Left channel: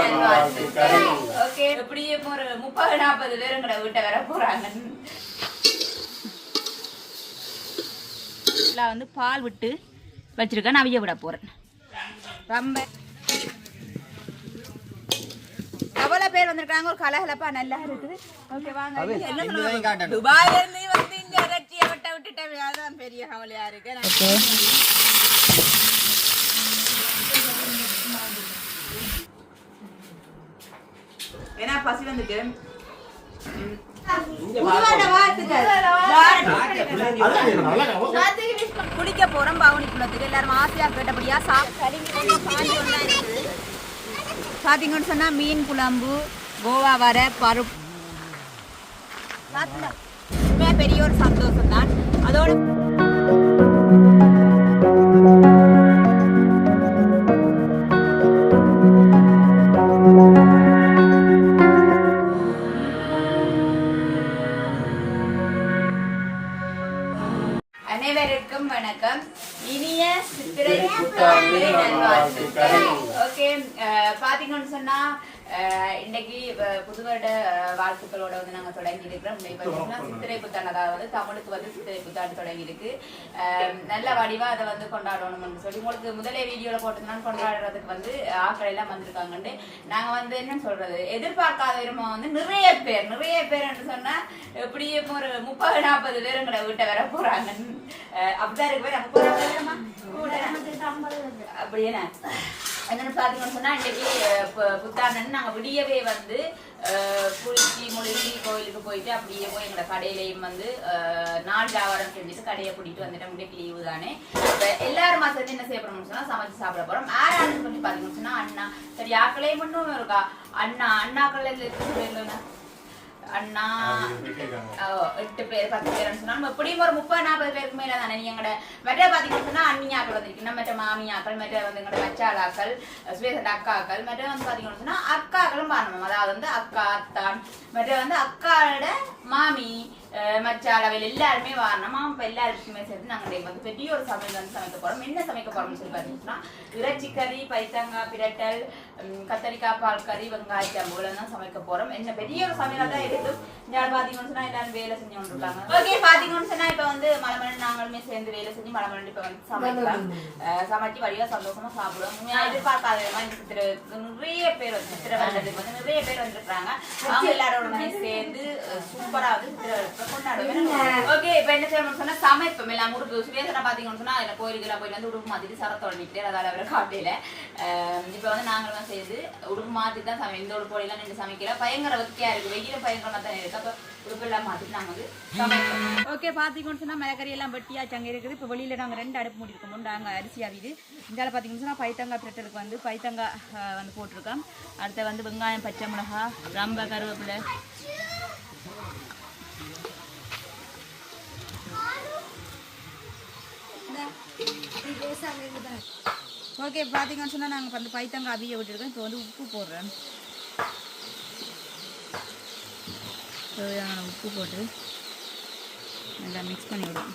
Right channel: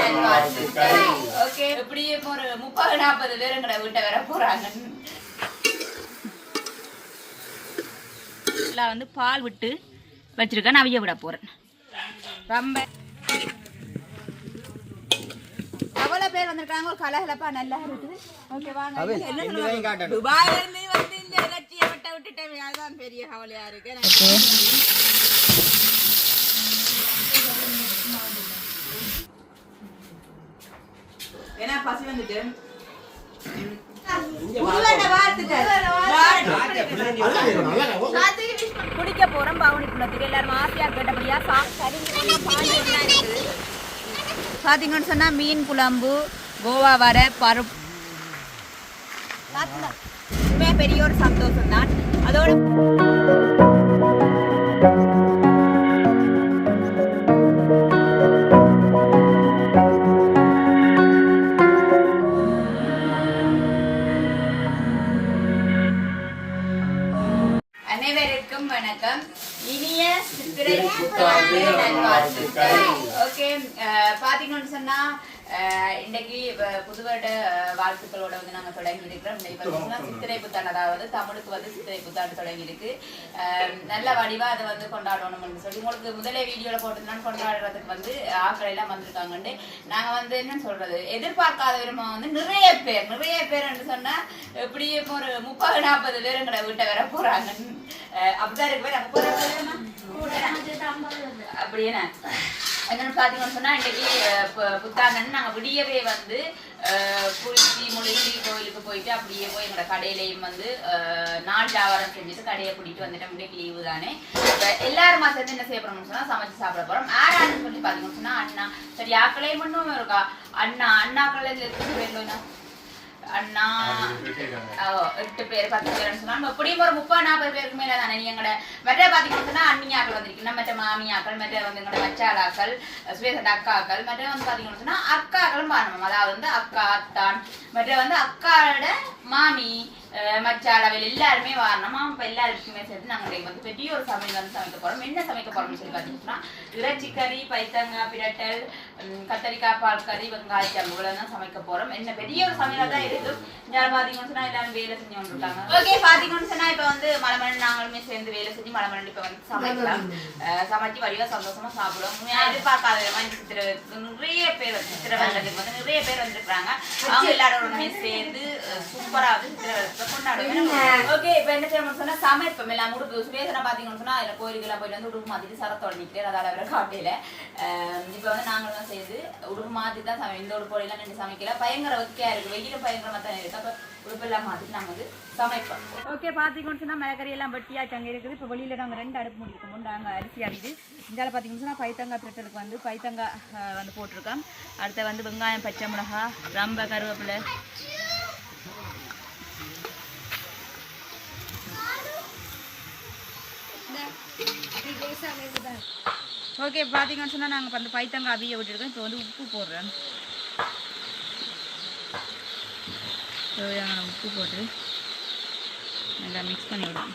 நல்வாழ்த்துக்கள் ஓகே. எப்படியே ஒரு முப்பது நாற்பது பேர் எங்களை வீட்டை வர போறாங்க. வந்து பால் விட்டு வச்சிருக்கேன். நான் அவிய விட போறேன். ரொம்ப. எவ்வளோ பேர் வந்திருக்காங்க. ஒரு கலகலப்பா நல்லா இருக்குது. ஓகே வாங்க. வந்து இந்த இறைச்சியை விட்ட விட்டுட்டேன். அதான் பெரிய கவலையா இருக்கு. ஏன்னா பசி வந்துட்டு. குடிக்க போறோம் பவுனி குளத்துக்கு எல்லாரும் ஆசையா கேட்டபடியா பாத்தீங்கன்னு சொன்னா மீன் குழம்பு கோவா வர பருப்பு. பெரிய ஒரு சந்தோஷம் தான் அதோட ஓகே பாத்தீங்கன்னு சொன்னா அஹ், இன்னைக்கு புது வருட வாழ்த்துக்களோட வந்து நாங்க தொடங்கி இருக்கிறோம் சித்திரை புத்தாண்டு அதாவது தமிழுக்கு வந்து சித்திரை புத்தாண்டு தொடங்கி இருக்கு நல்ல வடிவா அதை வந்து கொண்டாடணும்னு சொல்லி உங்களுக்கு முதலே வீடியோல போட்டிருந்தாலும் கொண்டாடுறதுக்கு வந்து ஆக்கள் எல்லாம் வந்திருக்காங்கன்னு நாங்க வந்து என்ன சொல்றது எதிர்பார்க்காத விரும்பம் வந்து நிறைய பேர் நிறைய பேர் சொன்னா எப்படியும் ஒரு முப்பது நாற்பது பேர் எங்களை வீட்டை வர போறாங்கன்னு அப்படிதான் இருக்கு பேர் முப்பது அப்படியே என்னன்னு பாத்தீங்கன்னு சொன்னா இன்னைக்கு அஹ், பு- விடியவே வந்து அஹ், குளிச்சு முழுகி கோயிலுக்கு போயிட்டு அப்படியே போய் எங்களோட கடையிலையும் வந்து நாள் வியாபாரம் செஞ்சுட்டு கடையை கூட்டிட்டு வந்துட்டோம். இன்னைக்கு லீவு தானே. இப்ப எல்லாருமா சேர்ந்து என்ன செய்ய போறோம்னு சொன்னா சமைச்சு சாப்பிட போறோம். ஆறான்னு சொல்லி பாத்தீங்கன்னு சொன்னா அண்ணா சரி யாக்களையும் மட்டும் இருக்கா? அண்ணா அண்ணாக்கள் வேண்டும் அண்ணா எட்டு பேர் பத்து பேர்னு சொன்னா நம்ம எப்படியும் ஒரு முப்பது நாற்பது பேருக்கு மேல தானே நீ எங்கட மற்ற பாத்தீங்கன்னா அண்ணியாக்கள் வந்திருக்கீங்க. மற்ற மாமியாக்கள் மற்ற வந்து எங்களோட மச்சாளாக்கள் சுவேசட் அக்காக்கள் மற்ற வந்து பாத்தீங்கன்னு சொன்னா அக்காக்களும் பாருங்க. அதாவது வந்து அக்கா அத்தான் மற்ற வந்து அக்காவோட மாமி மச்சாளவில் எல்லாருமே வரணுமா. இப்ப எல்லாருக்குமே சேர்த்து நாங்க இன்னைக்கு வந்து பெரிய ஒரு சமையல் வந்து சமைக்க போறோம். என்ன சமைக்க போறோம்னு சொல்லி பாத்தீங்கன்னா இறைச்சி கறி பைத்தங்காய் பிரட்டல் கத்தரிக்காய் பால் கறி வெங்காய சம்பளம் தான் சமைக்க போறோம். என்ன பெரிய ஒரு சமையலா தான் பாத்தீங்கன்னு சொன்னா எல்லாரும் வேலை செஞ்சு கொண்டிருக்காங்க. ஓகே பாத்தீங்கன்னு சொன்னா இப்ப வந்து மலமலன் நாங்களுமே சேர்ந்து வேலை செஞ்சு மலமலன் இப்ப வந்து சமைக்கலாம். சமைச்சு சந்தோஷமா சாப்பிடுவோம். உண்மையா எதிர்பார்க்காத விதமா இந்த சித்திரை நிறைய பேர் வந்து சித்திரை வருடத்துக்கு வந்து நிறைய பேர் வந்திருக்காங்க அவங்க எல்லாரோடமே சேர்ந்து சூப்பரா வந்து சித்திரை வருடத்தை கொண்டாடுவோம் ஓகே இப்ப என்ன செய்யணும்னு சொன்னா சமைப்போம். எல்லாம் முடுக்கு சுவேசனா பாத்தீங்கன்னு சொன்னா அதுல கோயிலுக்கெல்லாம் போயிட்டு வந்து உடுப்பு மாத்திட்டு சரத்தோட நிற்கிறேன் அதால அவரை காட்டையில இப்ப வந்து நாங்களும் செய்து உடுப்பு மாத்தி தான் சமை இந்த உடுப்பு எல்லாம் நின்று சமைக்கல பயங்கர வத்தியா இருக்கு. வெயிலும் தான் உடுப்பெல்லாம் வந்து சமைப்போம். ஓகே பாத்தீங்கன்னு சொன்னா மிளகறி எல்லாம் வெட்டியாச்சு அங்கே இருக்குது. இப்ப வெளியில நாங்க ரெண்டு அடுப்பு மூடி இருக்கோம் நாங்க அரிசி அவிது இந்தியாவில் பாத்தீங்கன்னு சொன்னா பைத்தங்காய் பிரட்டலுக்கு வந்து பைத்தங்காய் வந்து போட்டிருக்கோம் அடுத்து வந்து வெங்காயம் பச்சை மிளகா ரம்ப கருவேப்பிலை. ஓகே பார்த்தீங்கன்னு சொன்னால் நாங்கள் வந்து பைத்தங்காய் அவிய விட்டுருக்கோம். இப்போ வந்து உப்பு போடுறேன். தேவையான உப்பு போட்டு நல்லா மிக்ஸ் பண்ணி விடுவோம்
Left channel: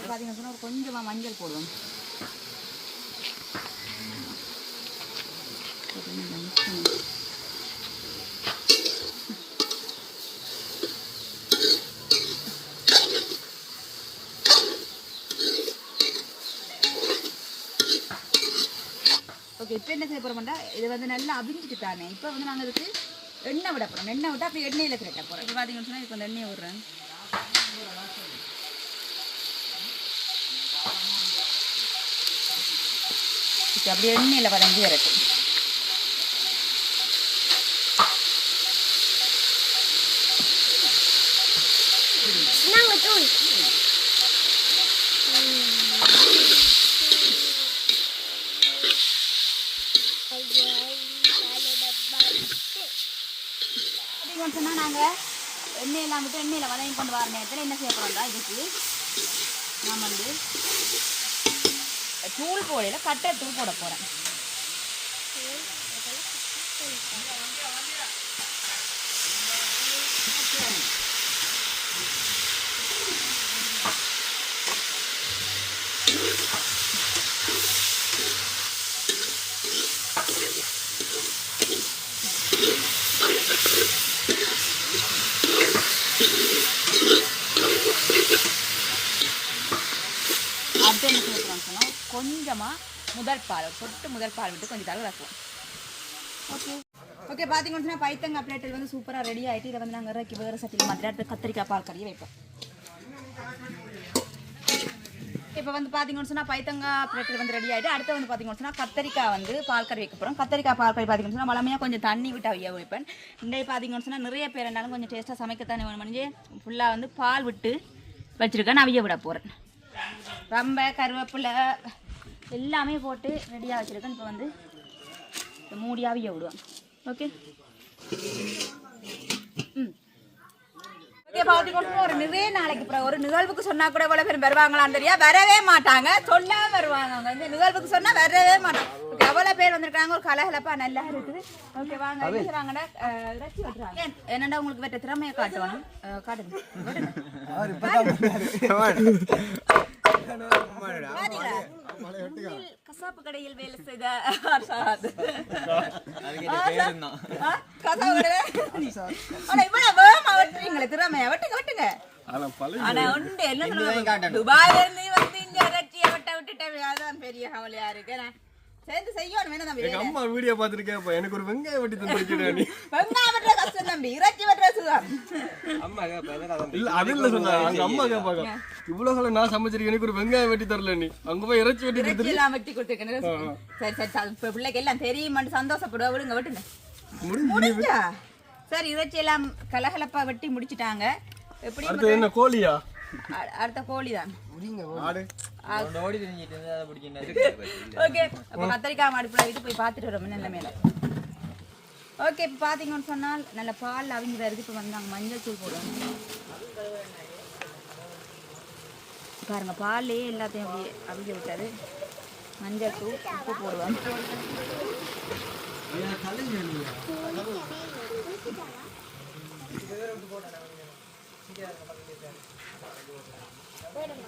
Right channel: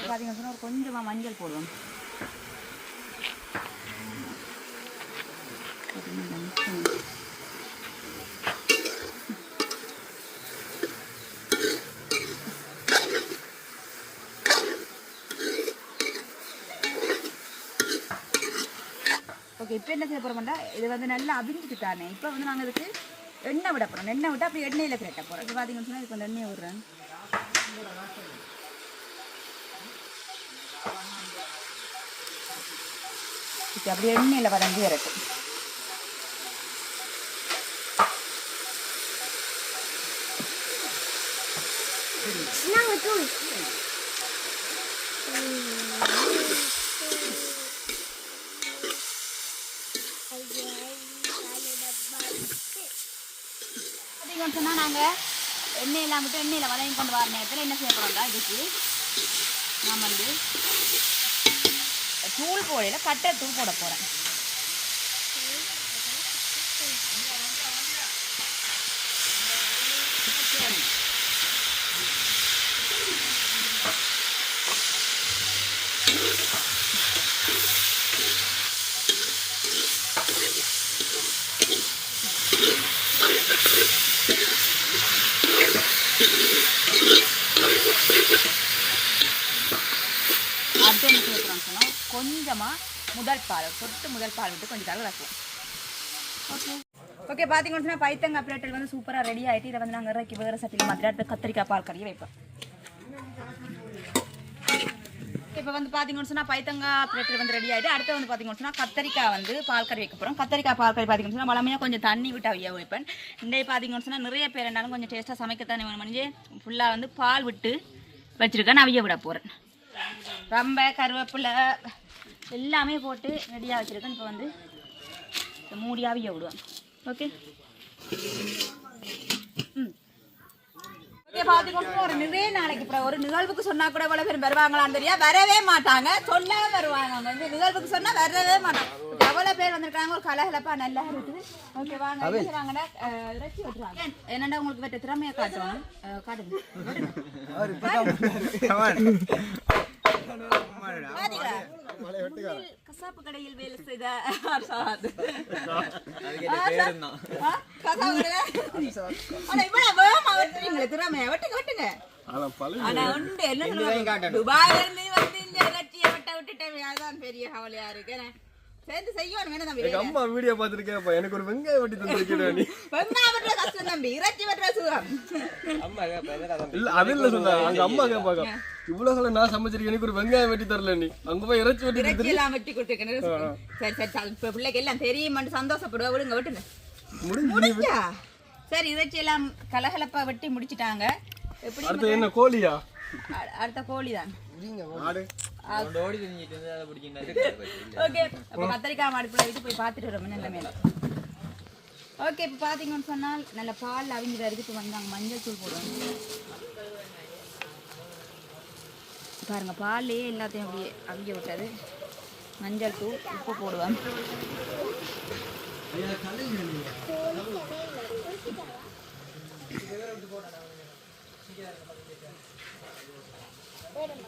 பார்த்தீங்கன்னா சொன்னால் ஒரு கொஞ்சமாக மஞ்சள் போடுவோம். இப்போ என்ன செய்ய போகிறோம்டா இது வந்து நல்லா அவிஞ்சிட்டு தானே. இப்போ வந்து நாங்கள் இதுக்கு எண்ணெய் விட போகிறோம் எண்ணெய் விட்டு அப்படி எண்ணெயில் திரட்ட போகிறோம் இப்போ பார்த்தீங்கன்னு சொன்னால் இதுக்கு வந்து எண்ணெய் விடுறேன் இப்போ அப்படியே எண்ணெயில் வதங்கி வரட்டும். பார்த்தீங்கன்னு சொன்னால் நாங்கள் எண்ணெயெல்லாம் விட்டு எண்ணெயில் வதங்கி கொண்டு வர நேரத்தில் என்ன செய்ய போகிறோம்டா இதுக்கு நான் வந்து தூள் போடையில் கட்டை தூள் போட போகிறேன் அடுத்து என்ன செய்ய போகிறோம்னு சொன்னால் கொஞ்சமாக முதல் பால் தொட்டு முதல் பால் விட்டு கொஞ்சம் தடவை வைக்கலாம் ஓகே ஓகே பார்த்தீங்கன்னு சொன்னால் பைத்தங்காய் பிளேட்டில் வந்து சூப்பராக ரெடி ஆகிட்டு இதை வந்து நாங்கள் இறக்கி வேறு சட்டியில் மாற்றி அடுத்து கத்திரிக்காய் பால் கறியை வைப்போம். இப்போ வந்து பார்த்தீங்கன்னு சொன்னால் பைத்தங்காய் பிளேட்டில் வந்து ரெடி ஆகிட்டு அடுத்து வந்து பார்த்தீங்கன்னு சொன்னால் கத்திரிக்காய் வந்து பால் கறி வைக்க போகிறோம் கத்திரிக்காய் பால் கறி பார்த்தீங்கன்னு சொன்னால் வளமையாக கொஞ்சம் தண்ணி விட்டு அவிய வைப்பேன் இன்றைய பார்த்தீங்கன்னு சொன்னால் நிறைய பேர் இருந்தாலும் கொஞ்சம் டேஸ்ட்டாக சமைக்கத்தானே வேணும். மணிஞ்சு ஃபுல்லாக வந்து பால் விட்டு வச்சுருக்கேன் நான் அவிய விட போகிறேன் ரொம்ப கருவேப்பிலை எல்லாமே போட்டு ரெடியாக வச்சுருக்கேன். இப்போ வந்து மூடியாவிய விடுவேன். ஓகே ம். பார்த்துக்கோங்க ஒரு நிறைய நாளைக்கு அப்புறம் ஒரு நிகழ்வுக்கு சொன்னா கூட இவ்வளோ பேர் வருவாங்களான்னு தெரியா? வரவே மாட்டாங்க. சொன்னா வருவாங்க. அவங்க வந்து நிகழ்வுக்கு சொன்னா வரவே மாட்டாங்க. எவ்வளோ பேர் வந்திருக்காங்க? ஒரு கலகலப்பா நல்லா இருக்குது. ஓகே வாங்க. இறைச்சி வெட்டுறாங்க. என்னடா உங்களுக்கு வெட்ட திறமையை அஹ், காட்டுங்க. கசாப்பு கடையில் வேலை செய்த ஆசாத். கசாப்பு கடையில? ஆனா இவ்வளவு வேகமா வெட்டுறீங்களே, திறமையா? வெட்டுங்க, வெட்டுங்க. ஆனா உண்டு, என்ன? துபாயில இருந்து வந்து இந்த இறைச்சியை வெட்ட விட்டுட்டேன். அதான் பெரிய கவலையா இருக்கு. சேர்ந்து செய்யணும், என்ன தம்பி? எங்க அம்மா வீடியோ பார்த்துருக்கேன் எனக்கு ஒரு வெங்காயம் வெட்டி தந்துருக்கேன் நீ வெங்காயம் வெட்டுற கஷ்டம் தம்பி, இறைச்சி வெட்டுற சுகம். இல்ல அது இல்ல சொல்றேன் அங்க அம்மா கேட்பாங்க இவ்வளவு சொல்ல நான் சமைச்சிருக்கேன் எனக்கு ஒரு வெங்காயம் வெட்டி தரல நீ. அங்க போய் இறைச்சி வெட்டி இறைச்சி எல்லாம் வெட்டி கொடுத்துருக்கேன். சரி, சரி, சரி, இப்ப பிள்ளைக்கு எல்லாம் தெரியுமான்னு சந்தோஷப்படுவா. விடுங்க வெட்டுங்க. முடிஞ்சு சரி இறைச்சி எல்லாம் கலகலப்பா வெட்டி முடிச்சிட்டாங்க. எப்படி என்ன கோழியா? அடுத்த கோழி. தான் ஆடு. ஓகே அப்போ கத்திரிக்காய் மாடுப்புல இது போய் பார்த்துட்டு வரோம் நல்ல மேல ஓகே இப்போ பார்த்தீங்கன்னு சொன்னால் நல்ல பால் அவிஞ்சு வருது இப்போ வந்து அங்கே மஞ்சள் தூள் போடுவாங்க. பாருங்க பால்லே எல்லாத்தையும் அப்படி அவிஞ்சு விட்டது மஞ்சள் தூள் உப்பு போடுவாங்க.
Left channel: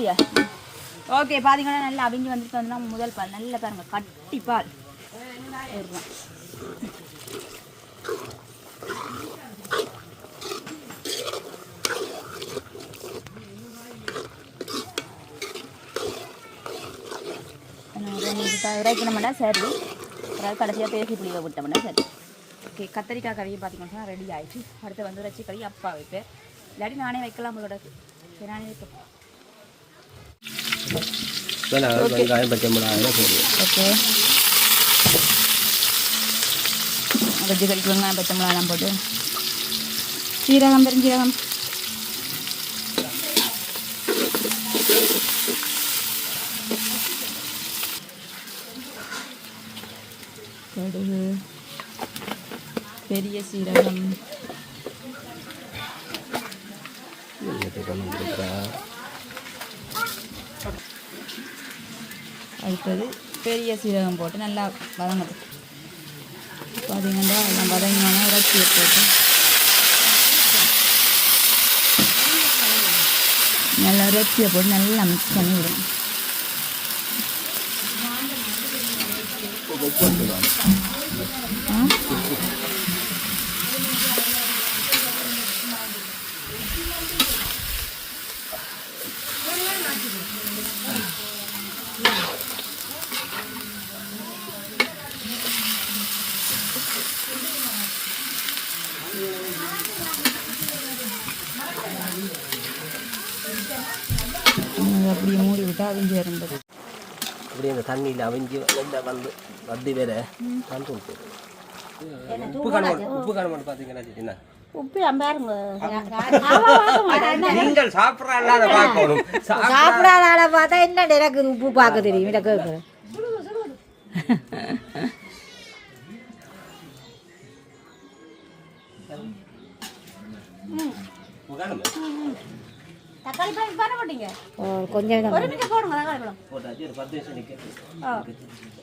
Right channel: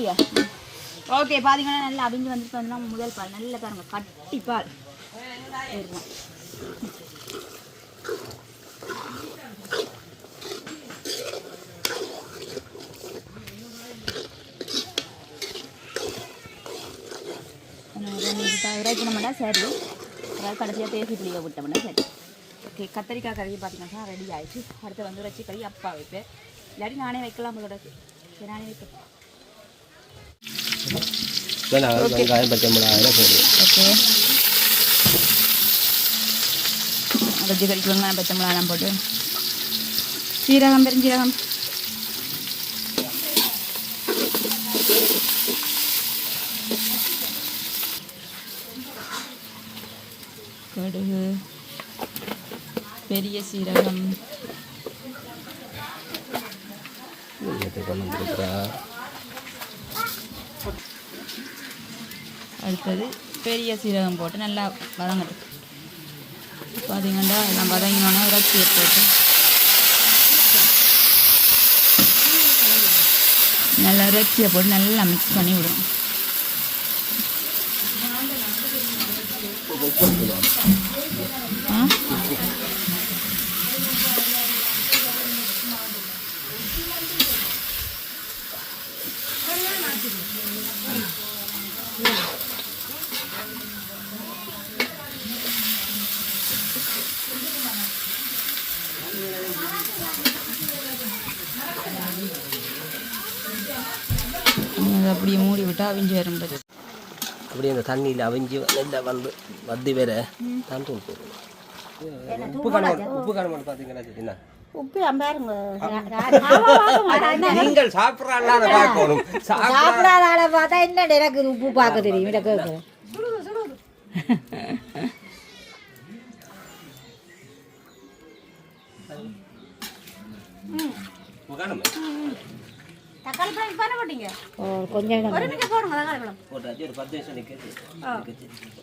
கட்டியா ஓகே பார்த்தீங்கன்னா நல்லா அவிஞ்சு வந்துட்டு வந்து முதல் பால். நல்லா பாருங்க கட்டி பால். இதுதான். சரி. அதாவது கடைசியாக தேசி புளியை விட்டோம்னா சரி. ஓகே கத்திரிக்காய் கறியை பார்த்தீங்கன்னா ரெடி ஆகிடுச்சு அடுத்து வந்து இறைச்சி கறி அப்பா வைப்பேன் இல்லாட்டி நானே வைக்கலாம் உங்களோட நானே வைப்பேன் வெங்காயம் பச்சை மிளகாய் போடுவோம் ஓகே வெஜ்ஜு கறிக்கு வெங்காயம் பச்சை மிளகாலாம் போட்டு சீரகம் பெருஞ்சீரகம் கடுகு பெரிய சீரகம் அடுத்தது பெரிய சீரகம் போட்டு நல்லா வதங்கட்டும். பார்த்தீங்கன்னா எல்லாம் வதங்கினோன்னா இறச்சியை போட்டு. நல்லா இறைச்சியை போட்டு நல்லா மிக்ஸ் பண்ணி விடும் ஆ இனி அதை அப்படியே மூடி விட்டு அவிஞ்சு வரும் பாரு. அப்படியே அந்த தண்ணியில் அவிஞ்சு நல்லா வந்து வந்து வேற தண்ணி உப்பு. காண உப்பு காண மாட்டேன் பார்த்தீங்கன்னா என்ன? உப்பு அம்பாருங்க நீங்கள் பார்க்கணும். பார்த்தா என்ன எனக்கு உப்பு பார்க்க தெரியும் கேட்குறேன் உக்காணுமே. தக்காளி பழம் பண்ண மாட்டீங்க ஓ கொஞ்சம் தான் ஒரு நிமிஷம் போடுங்க தக்காளி பழம். போட்டாச்சு ஒரு பத்து நிமிஷம் நிற்கிறது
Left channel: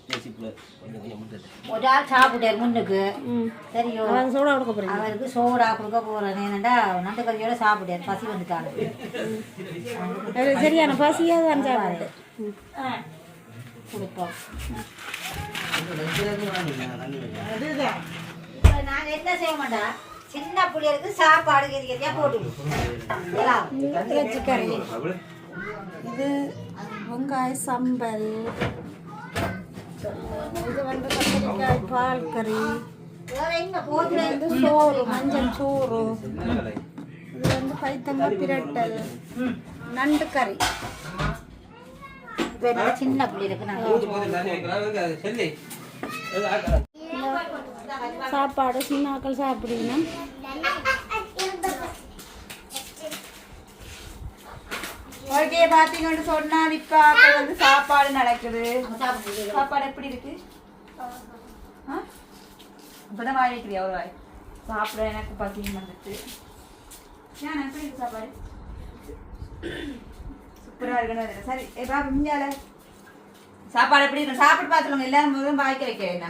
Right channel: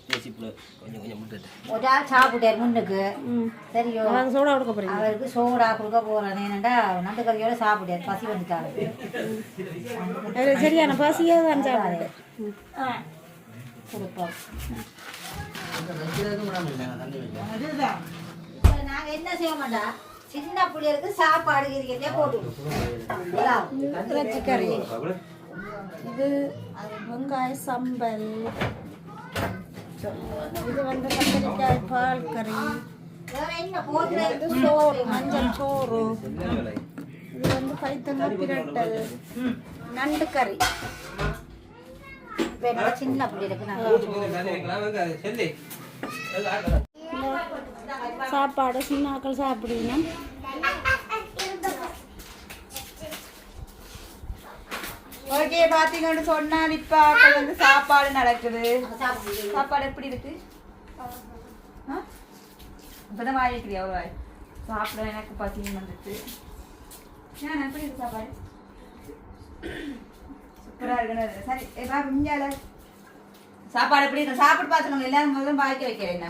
பேசிப்புல கொஞ்சம் கொஞ்சம் முட்டுது. ஒரு ஆள் சாப்பிட்டாரு முன்னுக்கு. ம். சரியோ. அவன் சோடா கொடுக்க போகிறீங்க அவருக்கு சோடா கொடுக்க போறேன். ஏனண்டா நண்டு கறியோட சாப்பிட்டாரு. பசி வந்துட்டாங்க. சரியான பசியாக தான் சாப்பிட்டு ம். கொடுப்போம். அதுதான் என்ன செய்ய மாட்டோம் சின்ன பிள்ளைகளுக்கு சாப்பாடு கறியா போட்டு விடுவோம். இறைச்சி கறி இது வெங்காய சம்பல். இது வந்து கத்திரிக்காய் பால் கறி. இது சோறு மஞ்சள் சோறு. இது வந்து பைத்தங்காய் பிரட்டல். நண்டு கறி. சின்ன பிள்ளைகளுக்கு நாங்க சாப்பாடு சின்ன சின்னாக்கள் சாப்பிடுவீங்கன்னா ஓகே பாத்தீங்கன்னு சொன்னால் இப்ப வந்து சாப்பாடு நடக்குது. சாப்பாடு எப்படி இருக்கு? ஆ? இப்பதான் வாய் வைக்கிறியா ஒரு வாய்? சாப்பிட எனக்கு பசியும் வந்துச்சு ஏன் எப்படி இருக்கு சாப்பாடு? சூப்பரா இருக்கு சரி ஏ பாபு சாப்பாடு எப்படி இருக்கு? சாப்பிட்டு பார்த்துருங்க எல்லாரும் முதல்ல வாய்க்க வைக்க என்ன?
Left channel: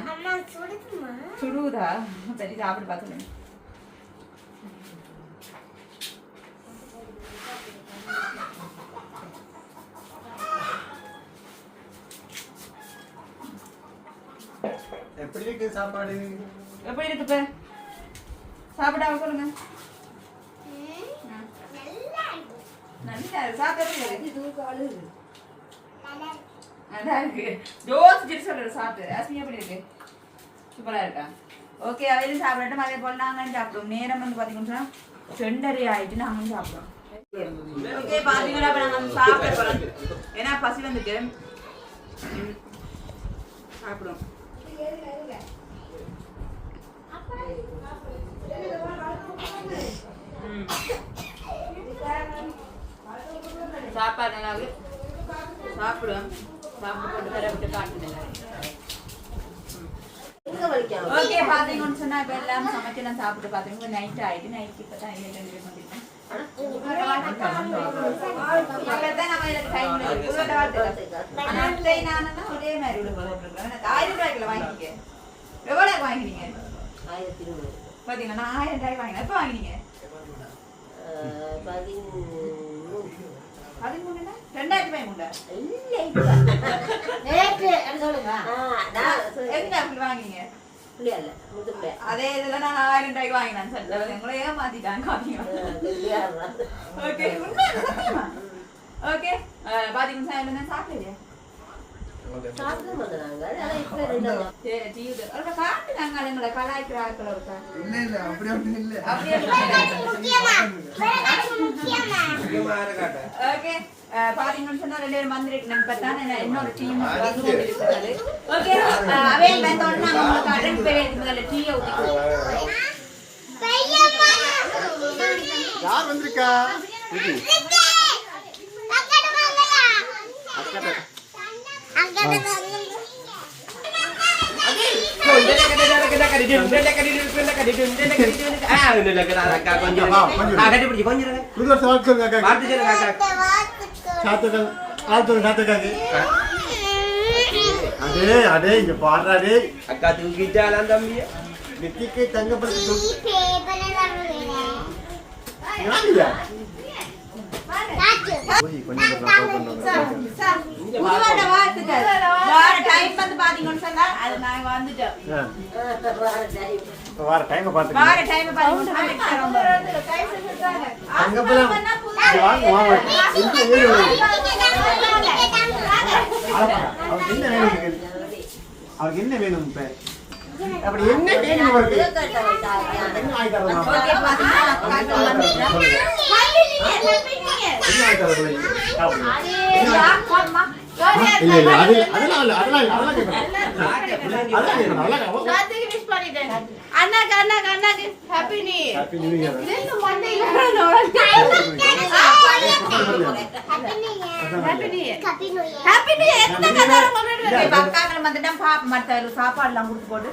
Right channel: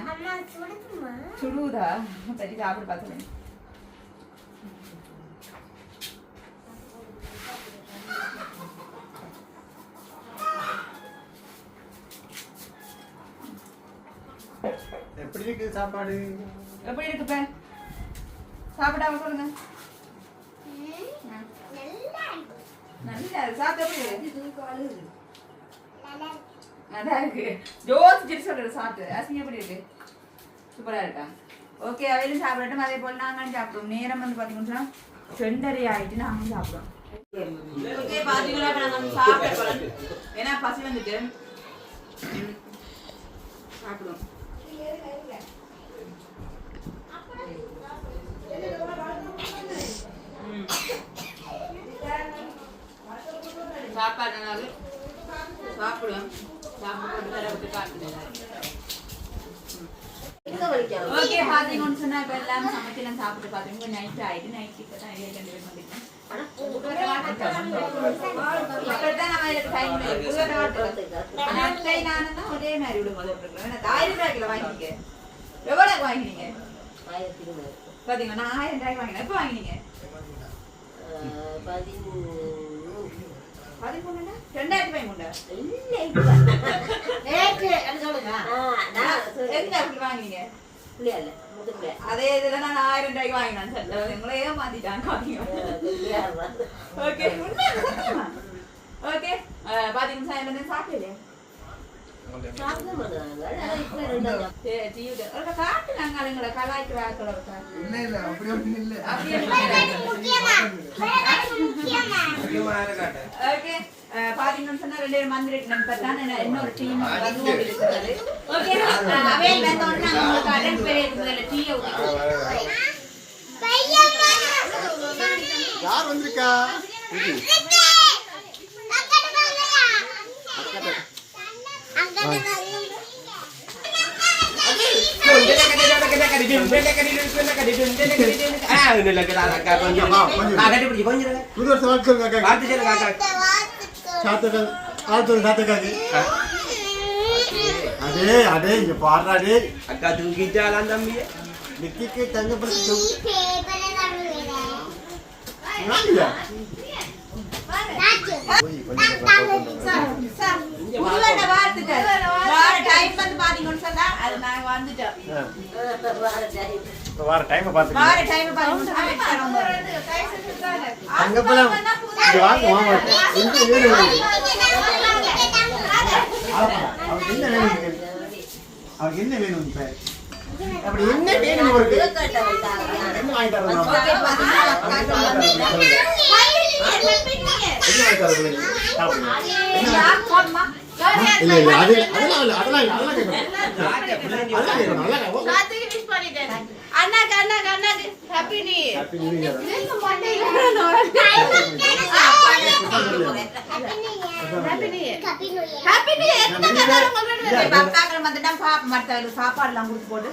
சுடுதா? சரி சாப்பிட்டு பார்த்துருங்க எப்படி இருக்கு சாப்பாடு? எப்படி இருக்கு இப்ப? சாப்பிடாம சொல்லுங்க நல்லா இருக்கு. சாப்பிட்டா? நல்லா இருக்கு யோசிச்சுட்டு சொல்றது சாப்பிட்டு. அசிங்க எப்படி இருக்கு? சூப்பரா இருக்கா? ஓகே அவையிலும் சாப்பிடட்டும். அதே போல் நாங்களும் சாப்பிடுவோம். நேரம் வந்து பாத்தீங்கன்னா சொன்னா ரெண்டரை ஆயிட்டு நாங்களும் சாப்பிடுவோம். ஓகே பாத்தீங்கன்னா இப்ப நாங்க சாப்பிட போகிறோம் ஏன்னா பசி வந்துட்டு. சாப்பிடுவோம். சாப்பாடு நல்லா சாப்பிடுவோம் சாப்பிட்டு போட்டு வேற விட்டு காட்டுங்க ஓகே பாத்தீங்கன்னு சொன்னா இப்ப எல்லாம் சமைக்கலாம் சாப்பிட்டு பாத்தீங்க நைட் ஆயிட்டு நைட் இப்ப தான் ஏழு ரெண்டு பேர் முடியும் ஆயிரம் ரூபாய்க்குள்ள வாங்கிக்க. வாங்கினீங்க? பாத்தீங்களா, நான் ஆயிரம் ரூபாய்க்கு வாங்கினேன். எப்ப வாங்கினீங்க? பதிமூணுனா? ரெண்டாயிரத்தி பதிமூணா? நேற்று என்ன சொல்லுங்க. எந்த அப்படி வாங்கினீங்க? அதே இதுல நான் ஆயிரம் ரூபாய்க்கு வாங்கினேன்னு சொல்றேன். உங்களை ஏமாத்திட்டாங்க? ஓகே உண்மையா சத்தியமா? ஓகே பாத்தீங்கன்னா சாப்பிடலையா? சரி, டிவி ல- ஒரு பாத்தீங்கன்னு சொன்னா ரெண்டு பேரும் வந்துருக்கு நம்ம பார்த்தான் இன்னொரு டீம் வந்து கொண்டு இருக்கிறது ஓகே அவையில் வந்தோடனே நாங்க உங்களுக்கு அட்டன் பேர் முதல்ல டீயை ஊற்றிக்குவோம் யார் வந்திருக்கா புது வருஷம் சாத்துக்கள் வாழ்த்துங்க சாத்துக்காக்கு. அடே அடே இங்க பாடுறா டே அக்கா தூக்கிட்டாலாம் தம்பிய நெத்திக்கு தங்கப்படுத்தி போய் கொஞ்சம். வார time வந்து பாத்தீங்கன்னு சொன்னா, அது நாங்க வந்துட்டோம். வார டைம் அவருக்கு என்ன வேணும் உங்களுக்கு? அவருக்கு என்ன வேணும் இப்ப அப்படி என்ன வேணும் அவருக்கு என்ன வாங்கி தரணும் சாப்பாடு எல்லாம் கொடுத்து போட்டு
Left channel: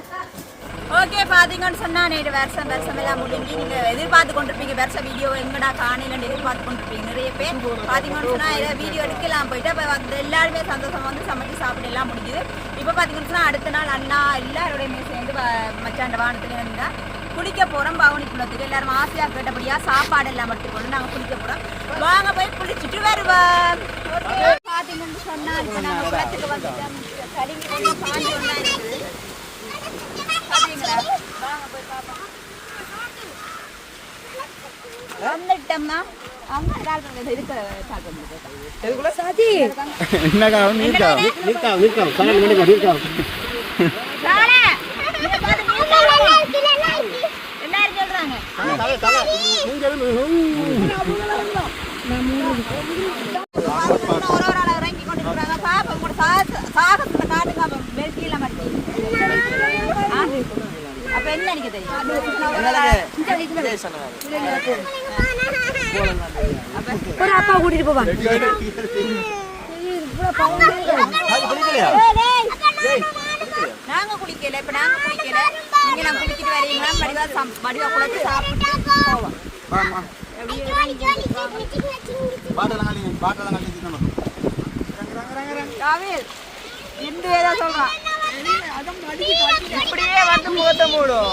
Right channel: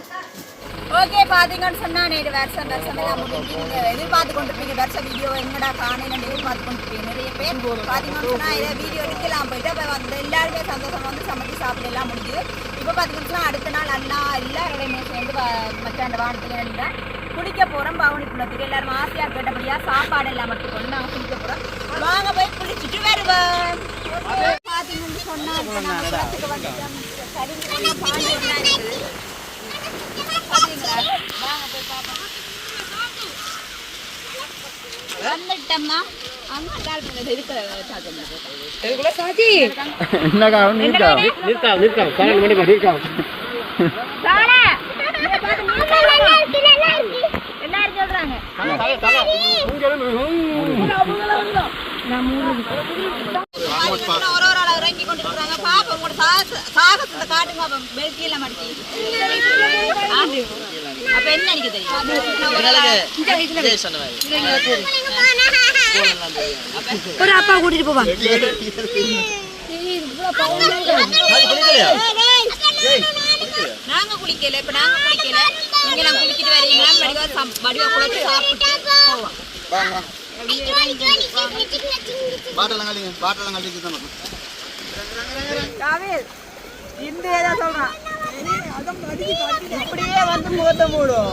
ஓகே பாத்தீங்கன்னு சொன்னா நேற்று வருஷம் வருஷம் எல்லாம் முடிஞ்சு நீங்க எதிர்பார்த்து கொண்டிருப்பீங்க. வருஷ வீடியோ எங்கடா காணையில எதிர்பார்த்து கொண்டிருப்பீங்க நிறைய பேர். பாத்தீங்கன்னு சொன்னா ஏதாவது வீடியோ எடுக்கலாம் போயிட்டு அப்ப வந்து எல்லாருமே சந்தோஷம் வந்து சமைச்சு சாப்பிட எல்லாம் முடிஞ்சுது. இப்ப பாத்தீங்கன்னு அடுத்த நாள் அண்ணா எல்லாரோடையுமே சேர்ந்து மச்சாண்ட வானத்துல நின்றா குளிக்க போறோம் பவனி குளத்துக்கு. எல்லாரும் ஆசையா கேட்டபடியா சாப்பாடு எல்லாம் மட்டும் கொண்டு நாங்க குளிக்க போறோம். வாங்க போய் குளிச்சுட்டு வருவோம். ஓகே பாத்தீங்கன்னு சொன்னா நாங்க குளத்துக்கு வந்துட்டோம். கருங்கி அப்படிங்களா வாங்க என்ன காவம் நீர்க்கா நீர்க்கா நீர்க்கா சரி நீர்க்கா நீர்க்கா எல்லாரும் சொல்றாங்க. ஒரு ஒரு கொண்டு இருக்கிறாங்க பாப்பா உங்களோட சாகசத்தை காட்டுங்க பெல்ட்டியில மாட்டேன். அப்ப என்ன நினைக்க தெரியும்? ஒரு அப்பா கூட்டிட்டு போவாங்க நாங்க குளிக்கல இப்ப நாங்க குளிக்கல. நீங்க எல்லாம் குளிச்சிட்டு வரீங்களா? வடிவா சம்- வடிவா குளிச்சு சாப்பிட்டு போவோம் பாட்டெல்லாம் காட்டி பாட்டெல்லாம் காட்டி சுத்தணும் இப்படியே வந்து முகத்தை மூடும்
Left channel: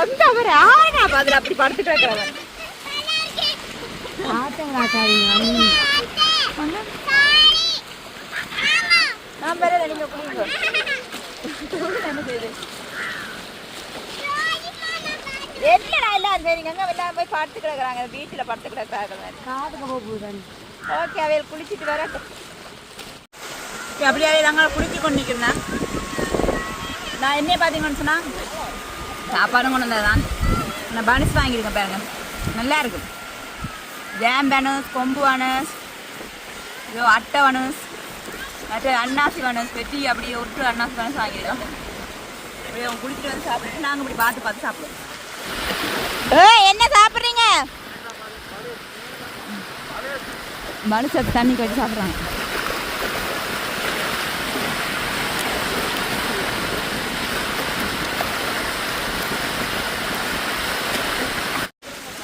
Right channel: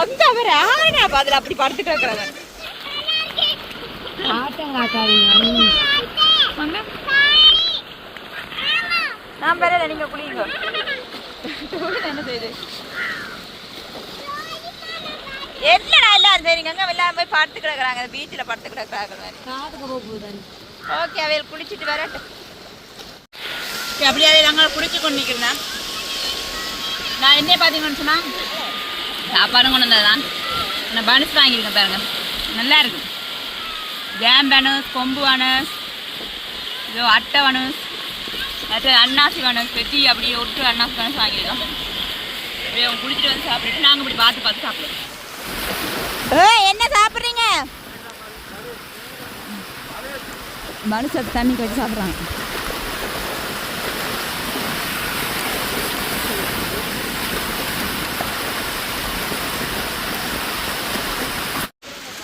அங்க அவர் ஆனா அதுல அப்படி படுத்துட்டு இருக்காங்க நான் வேற நீங்க குளிங்க என்ன செய்யுது என்னடா எல்லாரும் சரிங்க அங்க எல்லாம் போய் படுத்து கிடக்குறாங்க. பீச்சில் படுத்து கிடக்குறாங்க ஓகே அவையில் குளிச்சுட்டு வரட்டும். சரி, அப்படியே அவையில் அங்கே குளிச்சு கொண்டு நிற்கிறேன். நான் என்ன பார்த்தீங்கன்னு சொன்னா? சாப்பாடும் கொண்டு வந்ததுதான். நான் பனஸ் வாங்கியிருக்கேன் பாருங்க. நல்லா இருக்கு ஜாம் பனஸ் கொம்பு பனஸ் இதோ அட்டை பனஸ் மற்ற அன்னாசி பனஸ் பெட்டி அப்படி ஒட்டு அன்னாசி பனஸ் வாங்கியிருக்கோம். அப்படியே அவங்க குளிச்சுட்டு வந்து சாப்பிட்டுட்டு நாங்கள் இப்படி பார்த்து பார்த்து சாப்பிடுவோம். என்ன சாப்பிட்றீங்க? மனுஷத்து தண்ணி வச்சு சாப்பிட்றாங்க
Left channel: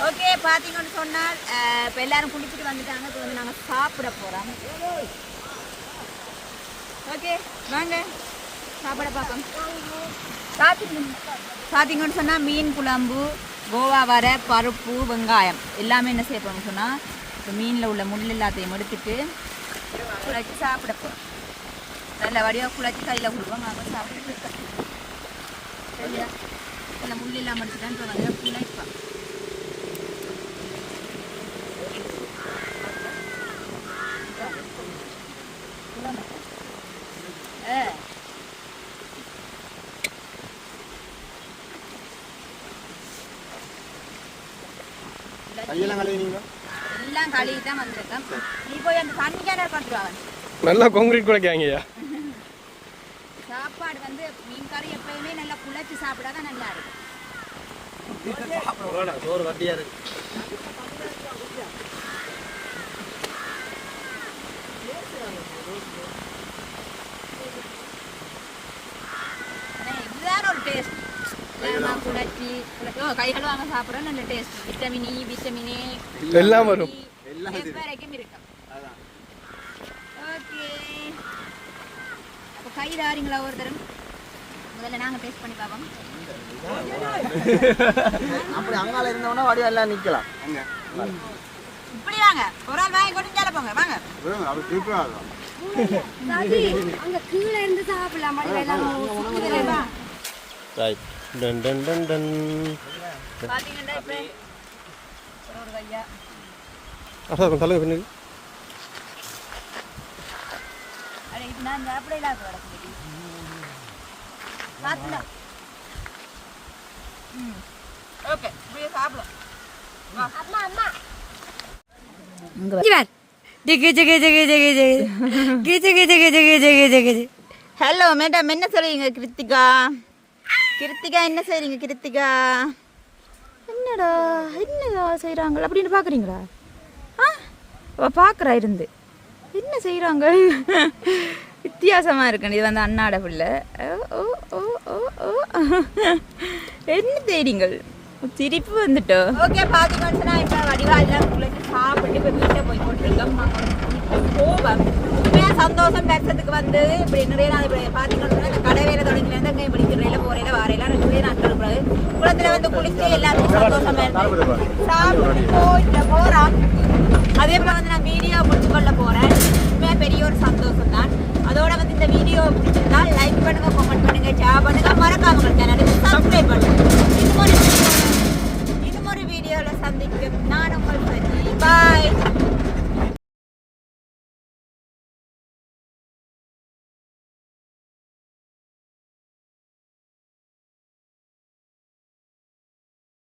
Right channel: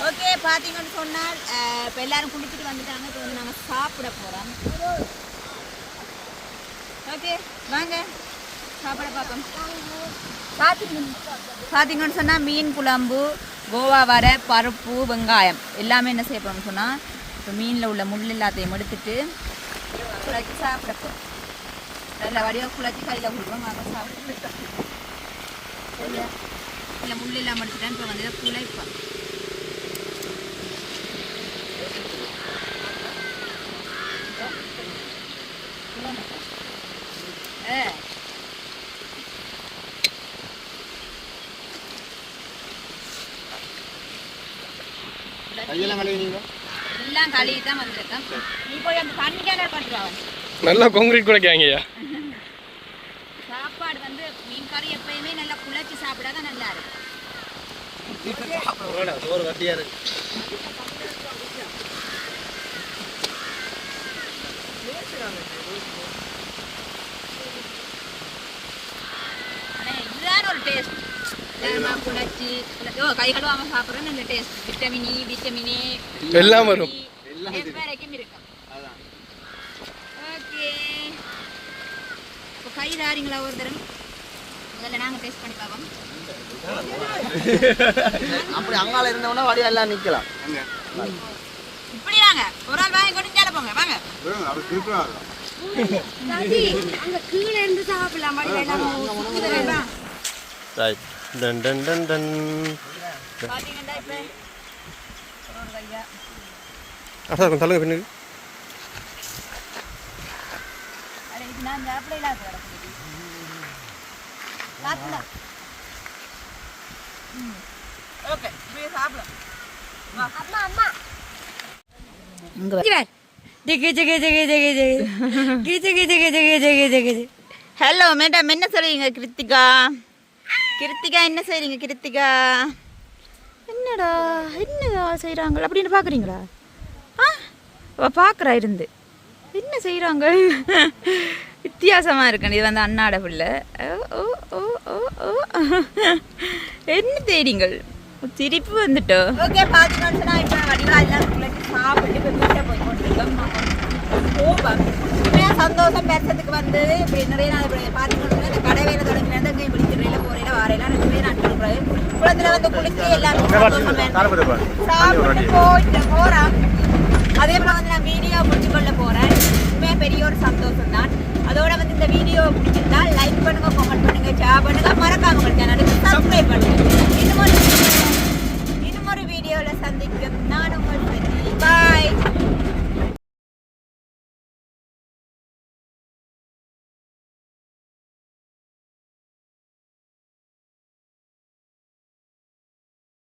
ஓகே பார்த்தீங்கன்னு சொன்னால் இப்போ எல்லாரும் குளிச்சுட்டு வந்துட்டாங்க. இப்போ வந்து நாங்கள் சாப்பிட போகிறோம் ஓகே வாங்க. சாப்பிட பார்ப்போம். பார்த்தீங்கன்னு சொன்னால் மீன் குழம்பு கோவா வர பருப்பு வெங்காயம். எல்லாமே என்ன செய்ய போகிறோம்னு சொன்னால் இப்போ மீனில் உள்ள முள் எல்லாத்தையும் எடுத்துட்டு குழச்சி சாப்பிட நல்ல வடிவாக குழச்சி கையில் கொடுப்போம். அதை சாப்பிட்டு சரியா இல்லை முள் இல்லாமல் எடுத்துட்டேன் இப்போ வந்து குழைப்போம். ஆ கையெல்லாம் கழுவினீங்க கழுவி தான் வந்திருக்கேன் அந்த தண்ணி கேனர் பண்ணுறா நல்லா கொங்கிரீட் குழைக்காங்கய்யா சாப்பாடு வந்து மீன் கறி எப்பயுமே நல்லா குழச்சி சாப்பிடாதான் நல்லா இருக்கும். சோறு வட்டியா இருக்கு எல்லாம் வரும். வரைக்கும் இருக்கும். ஓகே. அப்போ கை தாரிங்களா ஒரு தரம் முதல்ல நாங்கள் டேஸ்ட் பண்ணி பார்ப்போம். அப்படி அங்கால இருந்தவனா வடிவா எல்லாம் நிக்கலாம். இப்படி வாங்க ஒரு ஆள் வாங்கி கொண்டு இந்தால போங்க. வாங்க. அது திருப்பி அங்க கீழே இருந்து சாப்பிடலாம். வேண்டாம் ரைட் டன் டன் டன் டன் பார்த்தீங்கன்னா இப்போ அட்டா கொஞ்சம் தள்ளுங்க பின்னுக்கு. ஹலோ மேடம் என்ன சொல்றீங்க கிருத்திகா? கிருத்திகா என்ன செய்றீங்க கிருத்திகா? என்னடா என்னடா செய்யறாங்களா அப்படின்னு பாக்குறீங்களா? பார்க்குறா இருந்து. என்ன செய்கிறாங்க வித்தியாசமாக இருக்கு இது வந்து அண்ணாட பிள்ளை. ஓ ஓ ஓ ஓ ஓ. என்ன தேடிங்கள்? சிரிப்பு வந்துட்டோம் ஓகே பார்த்தீங்கன்னு சொன்னால் இப்போ வடிவாதிலாம் குளிச்சு சாப்பிட்டு இப்போ வீட்டில் போய் கொண்டிருக்கோம் நாங்கள் சந்தோஷம் பேசுறதுக்கு வந்து இப்படி நிறைய நாள் இப்படி பார்த்தீங்கன்னு இந்த கடை வேலை தொடங்கிலேருந்து அங்கே இப்படி திருறையில் போறையில் வாரையில நிறைய நாட்கள் இருக்கிறது குளத்தில் வந்து குளிச்சு எல்லாமே சந்தோஷமா இருக்கு. சாப்பிட்டு போயிட்டு போகிறோம் அதே போல் வந்து நான் வீடியோ முடிச்சு கொள்ள போகிறேன் உண்மையாக பெரிய ஒரு சந்தோஷம் தான் அதோட வந்து இந்த வீடியோ பிடிச்சிருந்தா லைக் பண்ணுங்க கமெண்ட் பண்ணுங்க ஷேர் பண்ணுங்க. மறக்காம உங்கள் சேனலுக்கு சப்ஸ்கிரைப் பண்ணுங்க. இன்னும் ஒரு இன்னும் ஒரு வீடியோவில் சந்திக்கும். நான் உங்கள் பாய்